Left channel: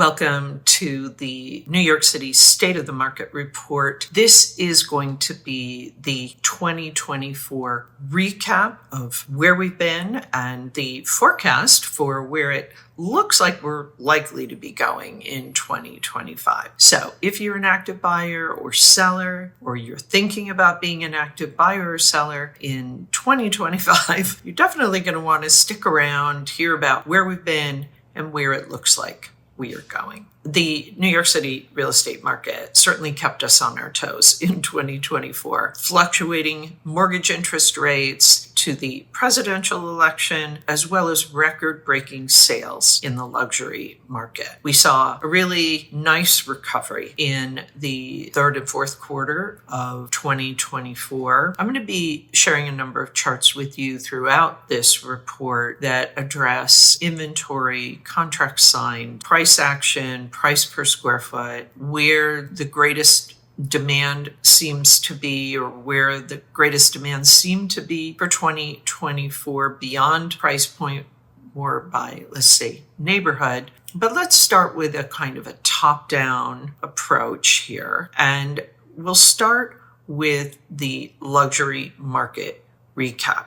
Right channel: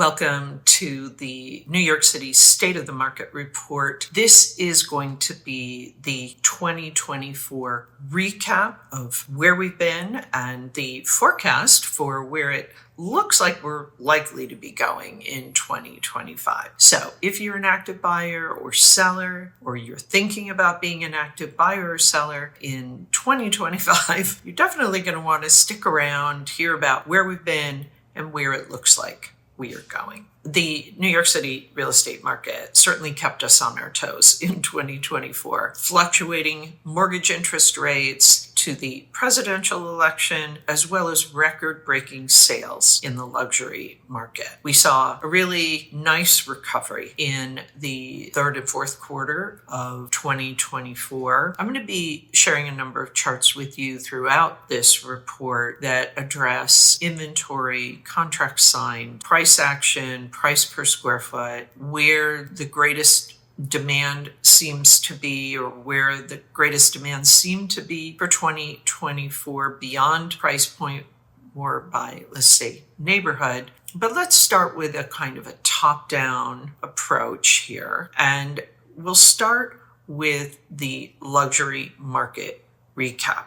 Welcome to the New York City State of the Market Report. This is going to be the 2024 recap of where we've been and the forecast for where it looks like we're likely to be going in 2025. So if you're an active buyer or seller, or you're thinking about being an active buyer or seller in 2025, you're definitely going to want to stick around, hear about where we've been and where it looks like we are going. The New York City real estate market certainly kept us on our toes in 2024. Fluctuating mortgage interest rates to the presidential election, as well as record-breaking sales in the luxury market. We saw a really nice recovery in the third and fourth quarter of 2024. I'm going to be sharing a number of charts with you throughout this report that address inventory, contract signed, price action, price per square foot, where the greatest demand seems to be, or where the greatest demand seemed to be for 2024 beyond price point, more by, let's say, neighborhood. But let's start with a kind of a top-down approach here. And we'll start with the luxury market recap.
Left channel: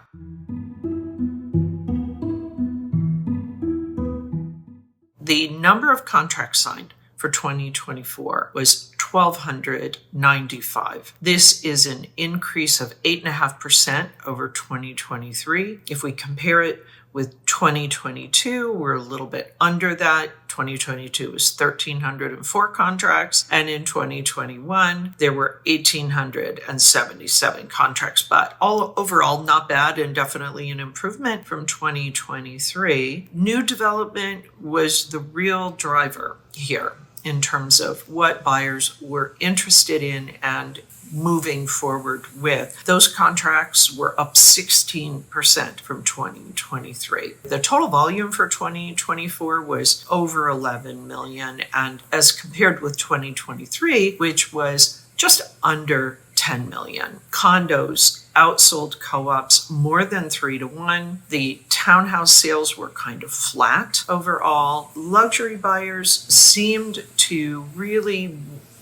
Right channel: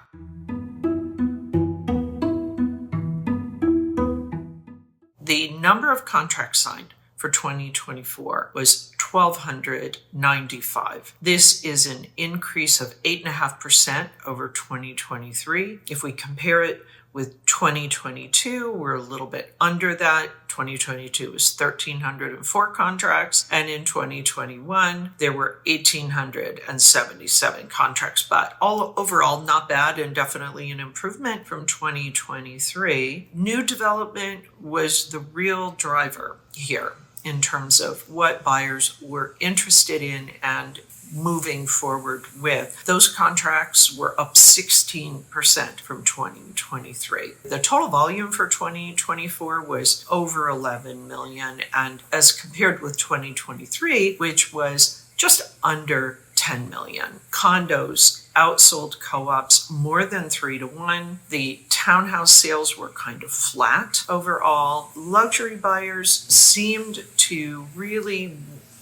The number of contracts signed for 2024 was 1,295. This is an increase of 8.5% over 2023. If we compare it with 2022, we're a little bit under that. 2022 was 1,304 contracts, and in 2021, there were 1,877 contracts, but overall not bad and definitely an improvement from 2023. New development was the real driver here in terms of what buyers were interested in and moving forward with. Those contracts were up 16% from 2023. The total volume for 2024 was over 11 million, and as compared with 2023, which was just under 10 million. Condos outsold co-ops more than 3-1. The townhouse sales were kind of flat overall. Luxury buyers seemed to really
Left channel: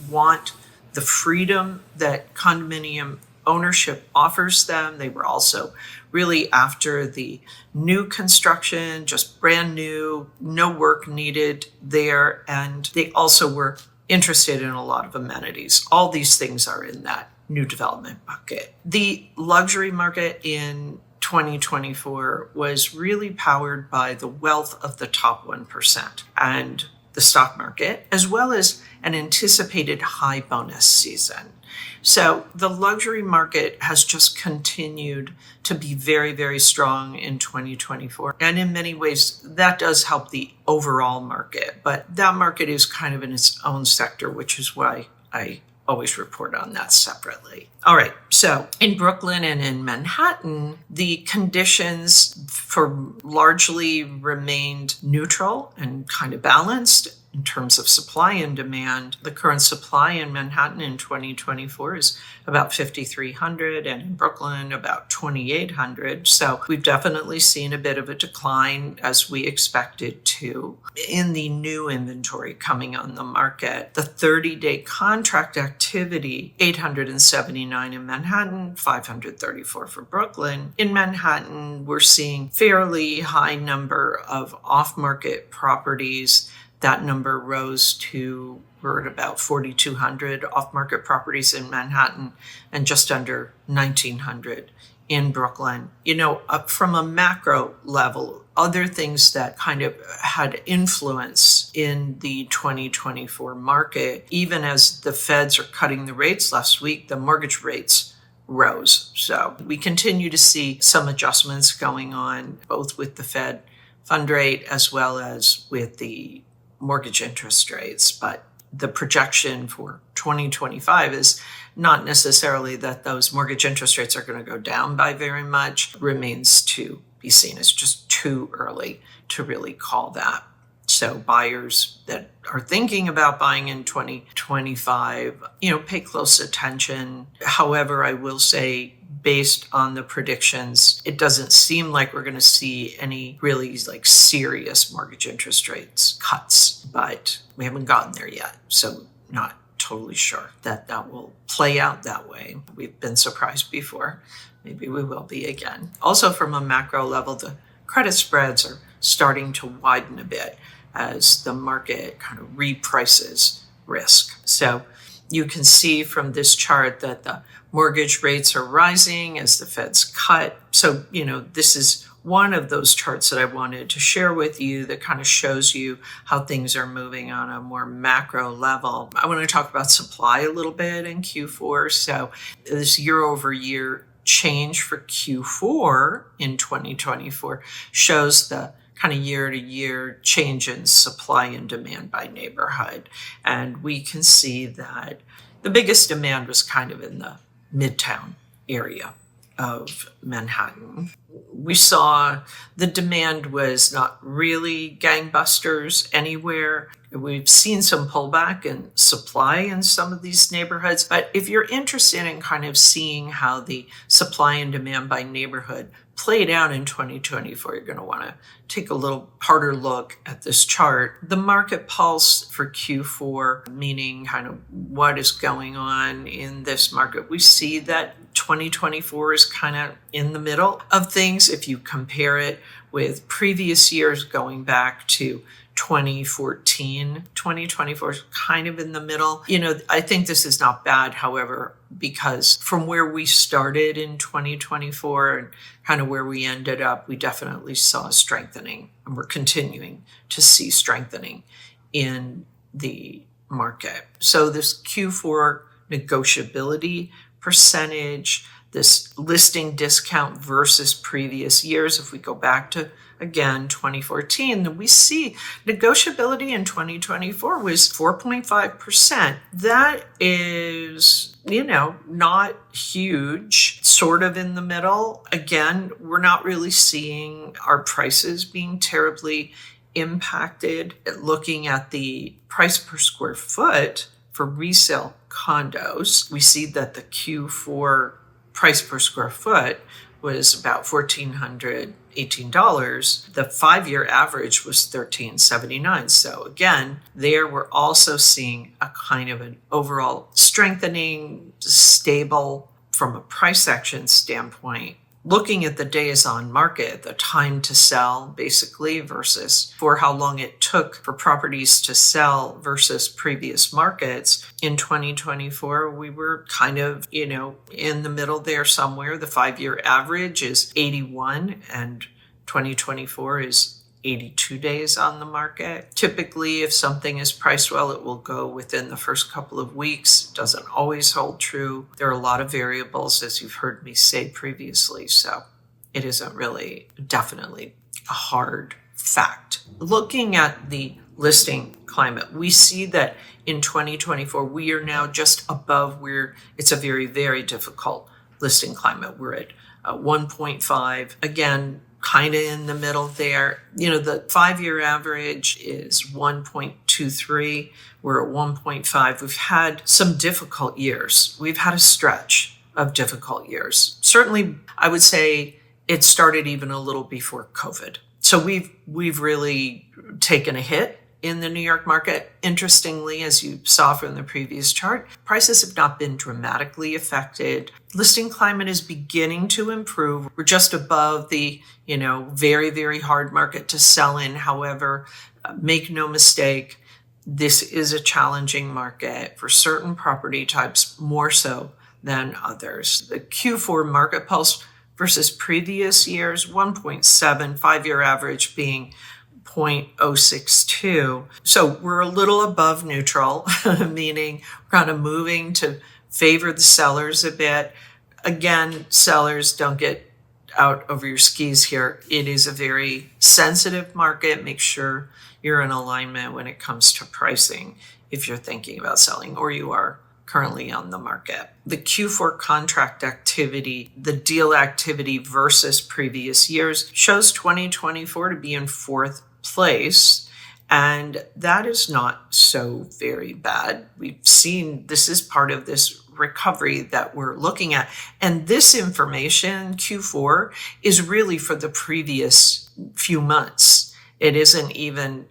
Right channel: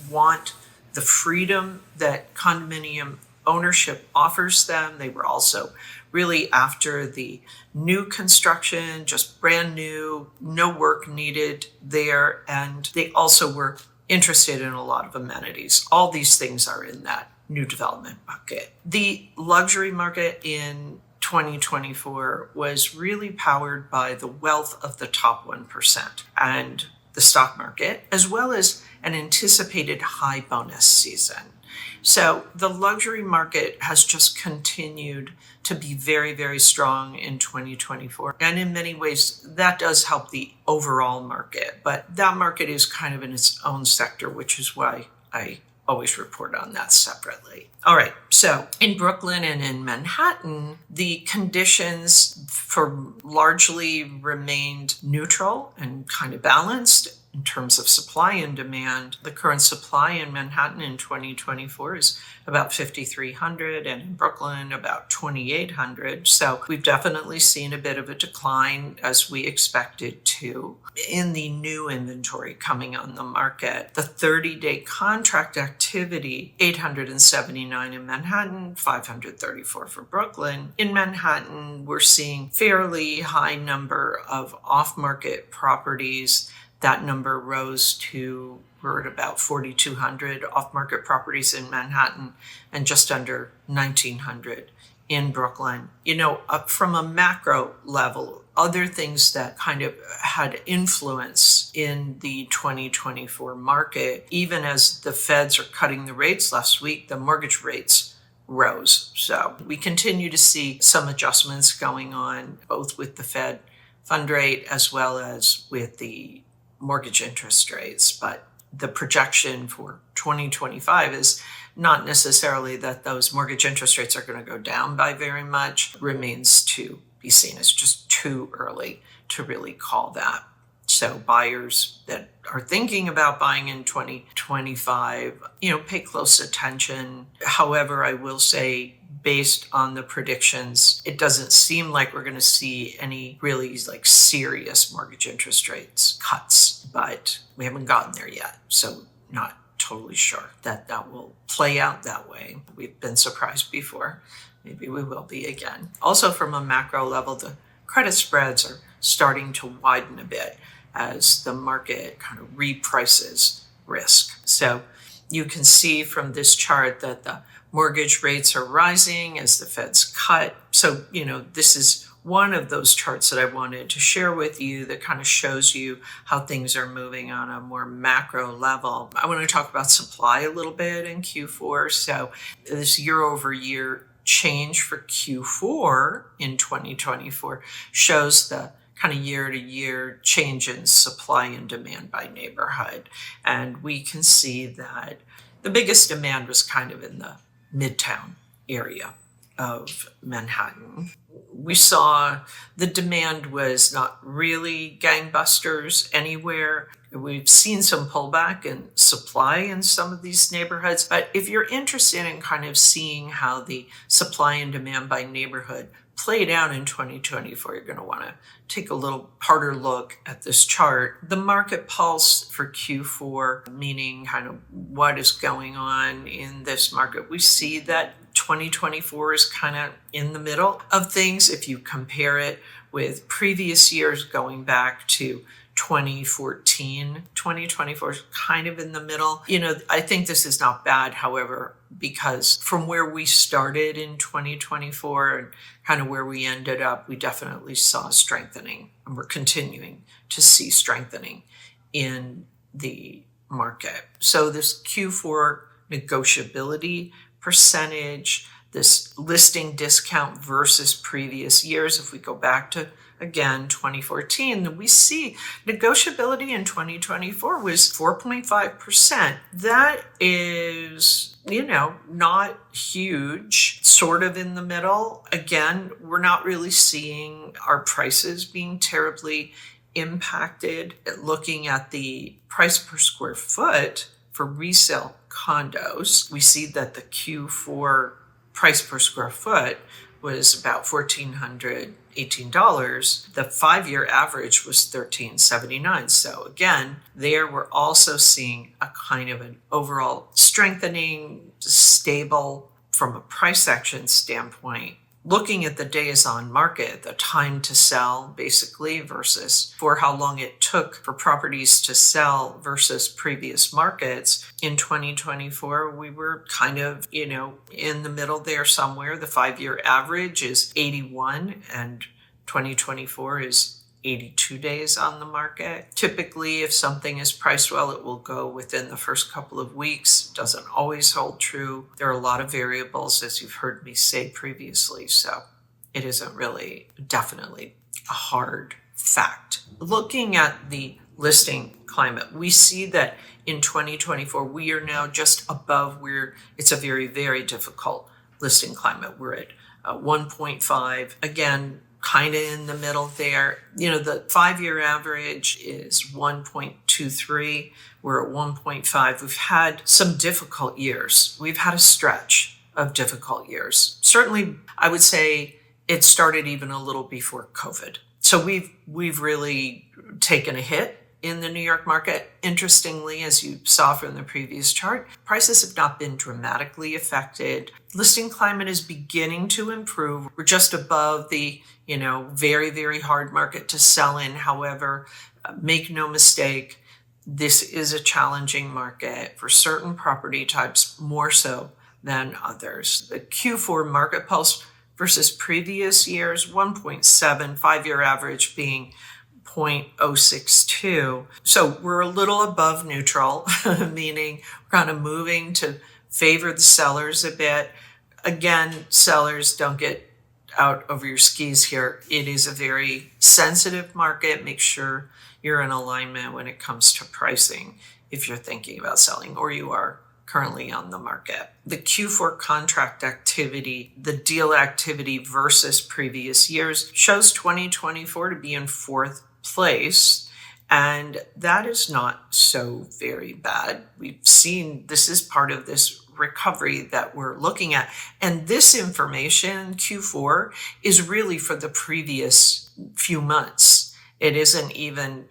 want the freedom that condominium ownership offers them. They were also really after the new construction, just brand new, no work needed there. And they also were interested in a lot of amenities. All these things are in that new development bucket. The luxury market in 2024 was really powered by the wealth of the top 1% and the stock market, as well as an anticipated high bonus season. So the luxury market has just continued to be very, very strong in 2024. And in many ways, that does help the overall market. But that market is kind of in its own sector, which is why I always report on that separately. All right, so in Brooklyn and in Manhattan, the conditions largely remained neutral and kind of balanced in terms of supply and demand. The current supply in Manhattan in 2024 is about 5,300, and in Brooklyn about 2,800. So we've definitely seen a bit of a decline, as we expected to, in the new inventory coming on the market. The 30-day contract activity, 879 in Manhattan, 534 for Brooklyn. In Manhattan, we're seeing fairly high number of off-market properties. That number rose to, we're at about 4,200 off-market properties in Manhattan and just under 1,900 in Brooklyn. From a macro level, other things that kind of had influence in the 2024 market, even as the feds are cutting the rates last week, the mortgage rates rose. So we continue to see some adjustments going on, both with the Fed fund rate as well as with the mortgage interest rates. But the projection for 2025 is not necessarily that those mortgage interest rates are going to go down by very much. Remains to be seen. It's just too early to really call that. So buyers that are thinking about buying in 2025, pay close attention. However, I will say based on the predictions, it doesn't seem like we're going to see any really like serious mortgage interest rates cuts, but we haven't gotten there yet. So not totally sure that that will play out that way. We've been surprised before. Maybe we will be again. Also, from a macro level, the credit spreads are starting to widen a bit as the market kind of reprices risk. So you can see from this chart that the mortgage rates are rising as the Fed's cut. So, this is one of those charts that I wanted to share with you that kind of shows you how things are moving on a more macro level. I want to talk about supply a little bit in Q4. So this year over year change for Q4 in 2024 shows the kind of year-to-year change in supply and demand by neighborhood. And we can see that the biggest demand was kind of in the Midtown area of Manhattan. We saw the demand was not really gangbusters anywhere. We've seen some pullback in supply in some of these neighborhoods. But if you're interested in kind of seeing how the supply and demand by neighborhood played out in 2024, you're going to want to take a little harder look at this chart. The market pulse for Q4, meaning kind of what is going on in this market, we see that 2024 is kind of in the middle of things. If you compare it with previous years going back to 2014, 2024 is kind of in the middle. I think this is not bad, however, because from where we started in 2024 and kind of where we ended up, we definitely saw strengthening, and we're continuing to see strengthening in the market. So this Q4 negotiability percentage, this listing discount versus previous years, if we go back to, again, 2014, we see negotiability in 2024 was 4.5%. That is, not huge, sort of in the middle. Again, we're not really seeing our prices being terribly impacted. Looking at the price per square foot for resale condos, we see that the Q4 price per square foot was about $1,418. The 5-year average was $1,379. So again, there we're also seeing a kind of an overall strengthening, stable from a price action standpoint. Looking at the days on market, the time to sell basically versus for how long it took for properties to sell versus previous markets. In 2024, we were kind of, in the middle there somewhere. The 5-year average is 81 and 2024 is 82 days on the market. Typically, if something is priced well, it will go within the first couple of weeks. It doesn't always hold true. There are a lot of variables, as you've heard me say previously, so it isn't really definitely a hard fact. Looking at the listing climate, we see that in 2024, we are now just above where it's a very, very difficult listing climate. We're at 1.5. Again, kind of in the middle there. The 5-year average is 1.23. We're at 1.5. We've had some difficult years. We've had a stretch of difficult years. Certainly, I would say it started even a little before COVID. So we've really taken a hit in the New York market. Interestingly, as you saw from the previous chart, prices have not been dramatically affected. Listing climate is beginning to improve. We're just above the, very, very hard market to sell in. However, make no mistake, this is a challenging market for certain property types, more so than others. The Q4 market pulse versus previous years, 1.7, 5-year average being 0.062. So we're a little above neutral, meaning we're kind of moving to favor the sellers a bit. Again, sellers, don't get out over your skis here. It is a very sensitive market. Make sure you're in alignment when it comes to pricing if you're thinking about selling or you are currently on the market. The Q4 contract activity, the deal activity versus previous years, shows 2024 to be in 4th place. And that is not so very bad. We've seen this is part of this recovery that we're looking at. And this information, Q4, is really for the previous few months. It isn't even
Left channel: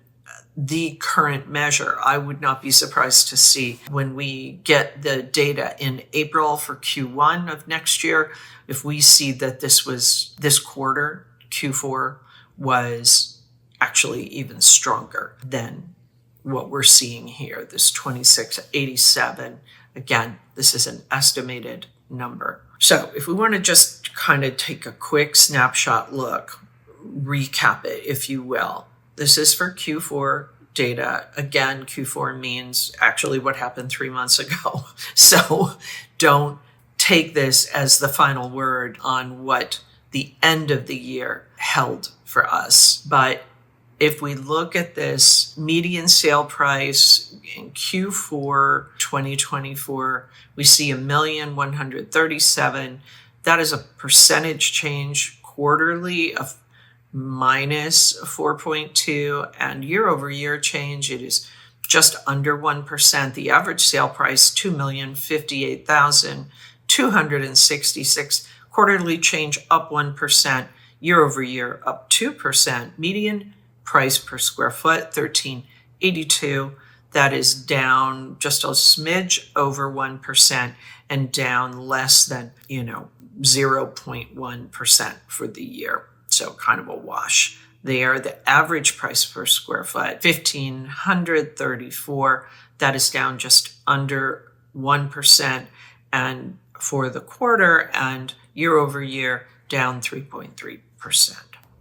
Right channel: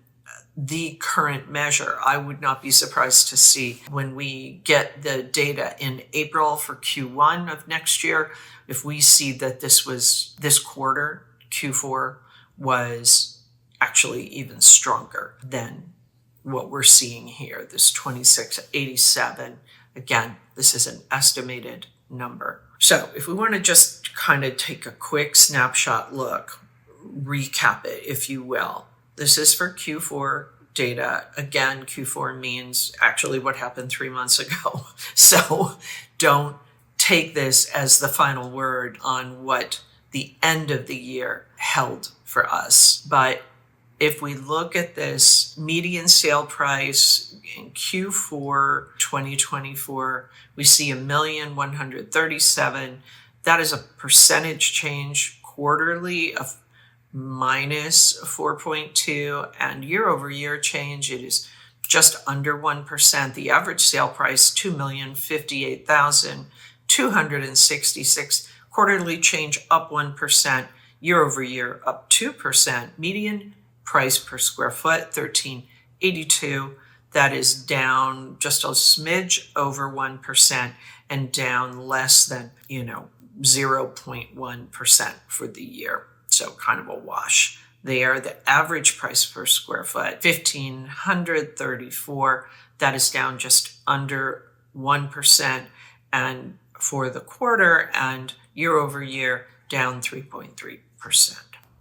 the current measure. I would not be surprised to see when we get the data in April for Q1 of next year, if we see that this quarter, Q4, was actually even stronger than what we're seeing here, this 2687. Again, this is an estimated number. So if we want to just kind of take a quick snapshot look, recap it, if you will. This is for Q4 data. Again, Q4 means actually what happened 3 months ago. So don't take this as the final word on what the end of the year held for us. But if we look at this median sale price in Q4 2024, we see $1,137,000. That is a percentage change quarterly of minus 4.2, and year over year change, it is just under 1%. The average sale price, $2,058,266. Quarterly change up 1%, year over year up 2%. Median price per square foot, $1,382. That is down just a smidge over 1% and down less than 0.1% for the year. So kind of a wash there. The average price per square foot, $1,534. That is down just under 1%. And for the quarter and year over year, down 3.3%.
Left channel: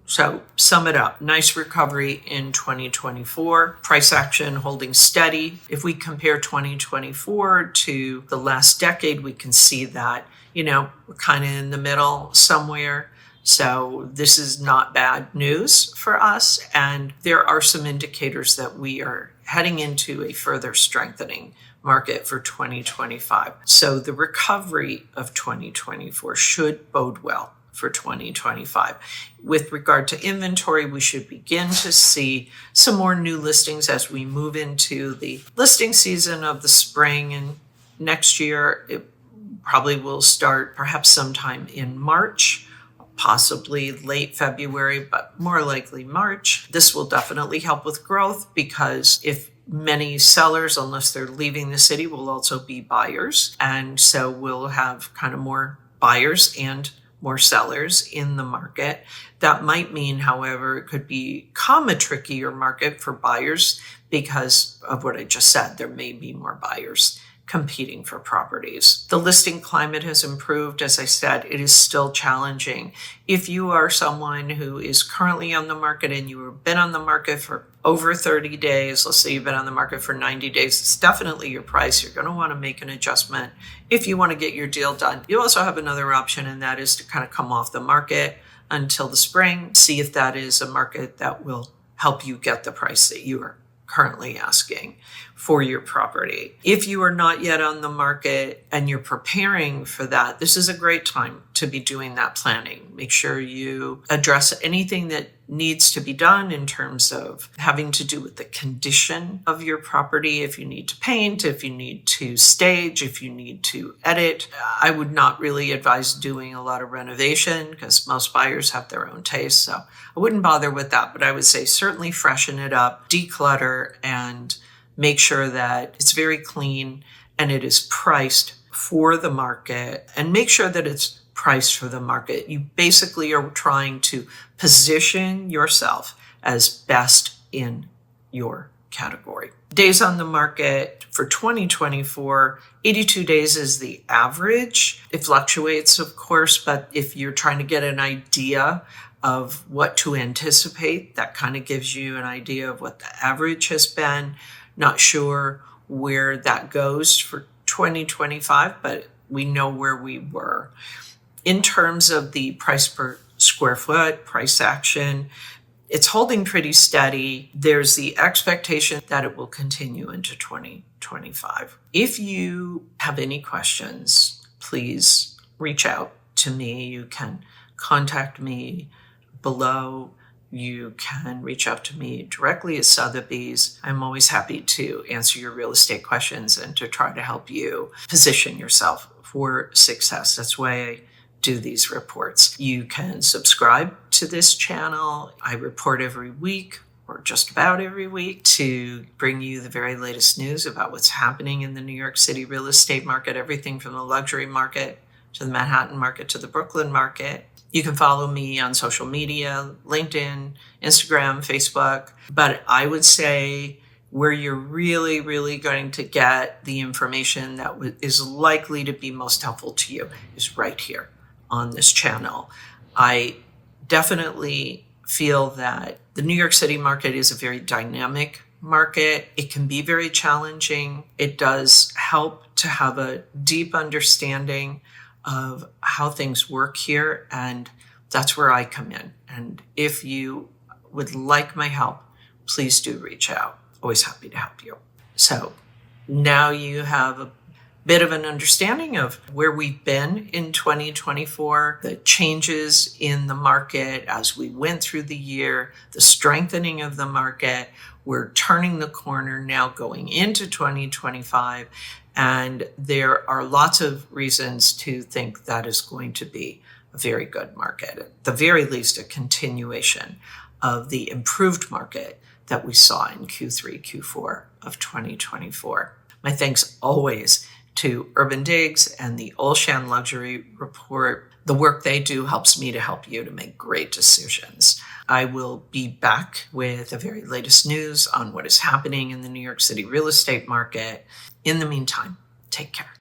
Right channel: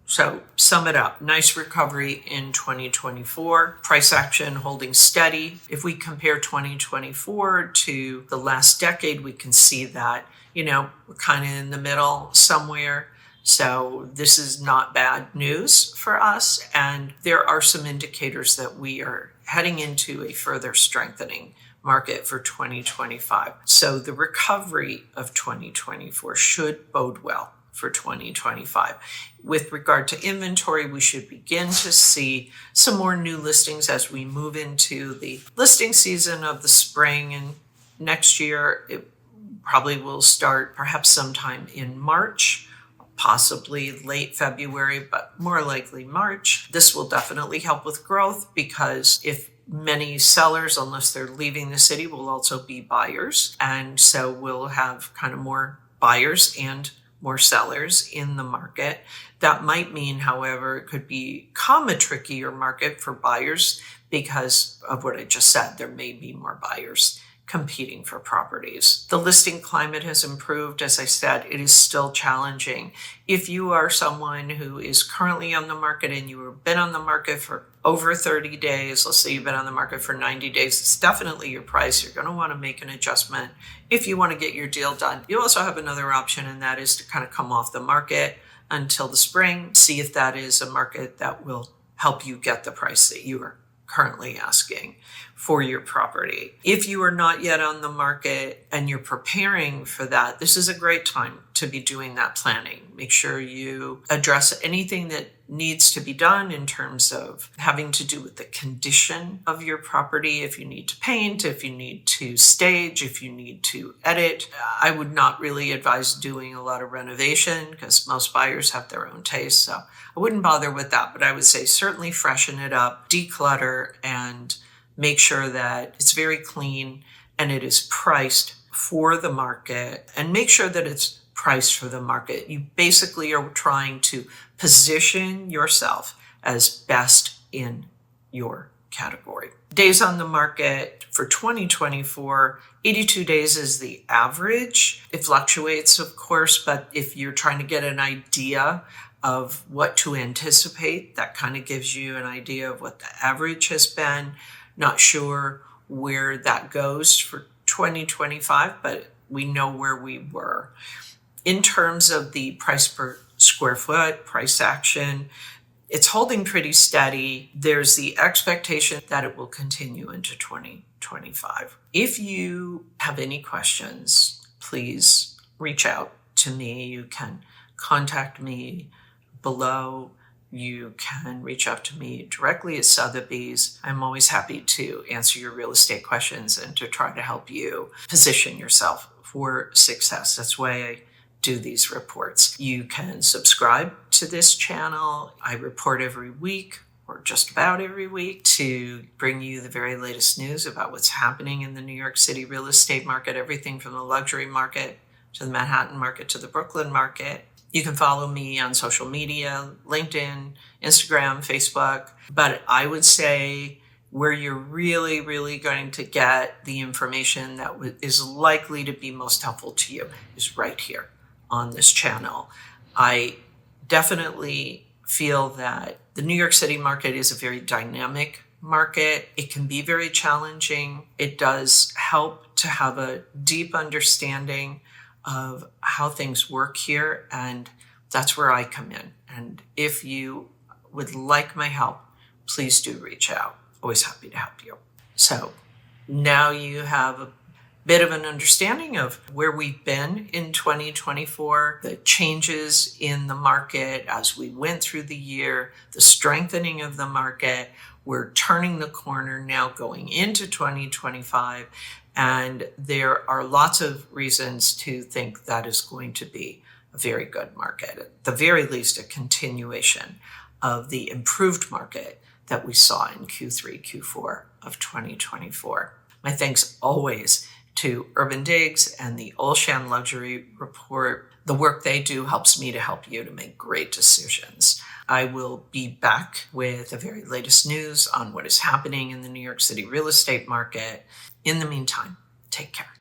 So sum it up, nice recovery in 2024, price action holding steady. If we compare 2024 to the last decade, we can see that, we're kind of in the middle somewhere. So this is not bad news for us. And there are some indicators that we are heading into a further strengthening market for 2025. So the recovery of 2024 should bode well for 2025. With regard to inventory, we should begin to see some more new listings as we move into the listing season of the spring. And next year, it probably will start perhaps sometime in March, possibly late February, but more likely March. This will definitely help with growth because if many sellers, unless they're leaving the city, will also be buyers. And so we'll have kind of more buyers and more sellers in the market. That might mean, however, it could become a trickier market for buyers because of what I just said. There may be more buyers competing for properties. The listing climate has improved. As I said, it is still challenging. If you are someone who is currently on the market and you have been on the market for over 30 days, let's say you've been on the market for 90 days, it's definitely your price. You're going to want to make an adjustment if you want to get your deal done. You also have another option, and that is to kind of come off the market until the spring, see if that is a market that will help you get the price that you are currently asking for your property. If you are not yet on the market and you're preparing for that, this is a great time to be doing that planning. Make sure you address anything that needs to be done in terms of having to do with the condition of your property. If you need to paint, if you need to stage, if you need to edit. I would not really advise doing a lot of renovation because most buyers have their own taste. So I wouldn't bother with that, but I would say certainly freshen it up, declutter, and make sure that it's very clean and it is priced for the market, and make sure that it's priced for the market. You basically are trying to position yourself as best in your category. Days on the market for 2024, 82 days is the average. It fluctuates, of course, but if you're trying to get an idea of what to anticipate, that kind of gives you an idea of what the average has been. Not sure where that goes for 2025, but we know where we were. In terms of the price per square foot, price action, it's holding pretty steady. There's the expectation that it will continue into 2025. If you have any questions, please reach out to me. You can contact me below you can reach out to me directly at Sotheby's. I'm always happy to answer your real estate questions and to try to help you position yourself for success. That's why I do these reports. You can subscribe to this channel. I report every week, or just about every week, to bring you the very latest news about what's happening in the New York City real estate market, everything from the luxury market to the Manhattan market to the Brooklyn market. You can follow me on social media, LinkedIn, Instagram, Facebook. But I would say where you're really, really going to get the information that is likely to be most helpful to you is right here on this channel. I definitely feel that the New York City market is a very dynamic market. It can be very challenging. It does help to have a deep understanding of how things work here, and that's where I come in. And if you would like my help, please do reach out. Always happy to help you. So now you have a bit of an understanding of where we've been in 2024, the changes in the market as we went through the year, the strengthening of the market. We're turning the corner now going into 2025. And there are lots of reasons to think that is going to be a very good market, at the very least, a continuation of the improved market that we saw in Q3, Q4 of 2024. My thanks always to Urban Digs and the Olshan Luxury Report. The work they do helps me to help you to make great decisions. I will be back with the very latest news on what is happening in the New York City real estate market. In the meantime, take care.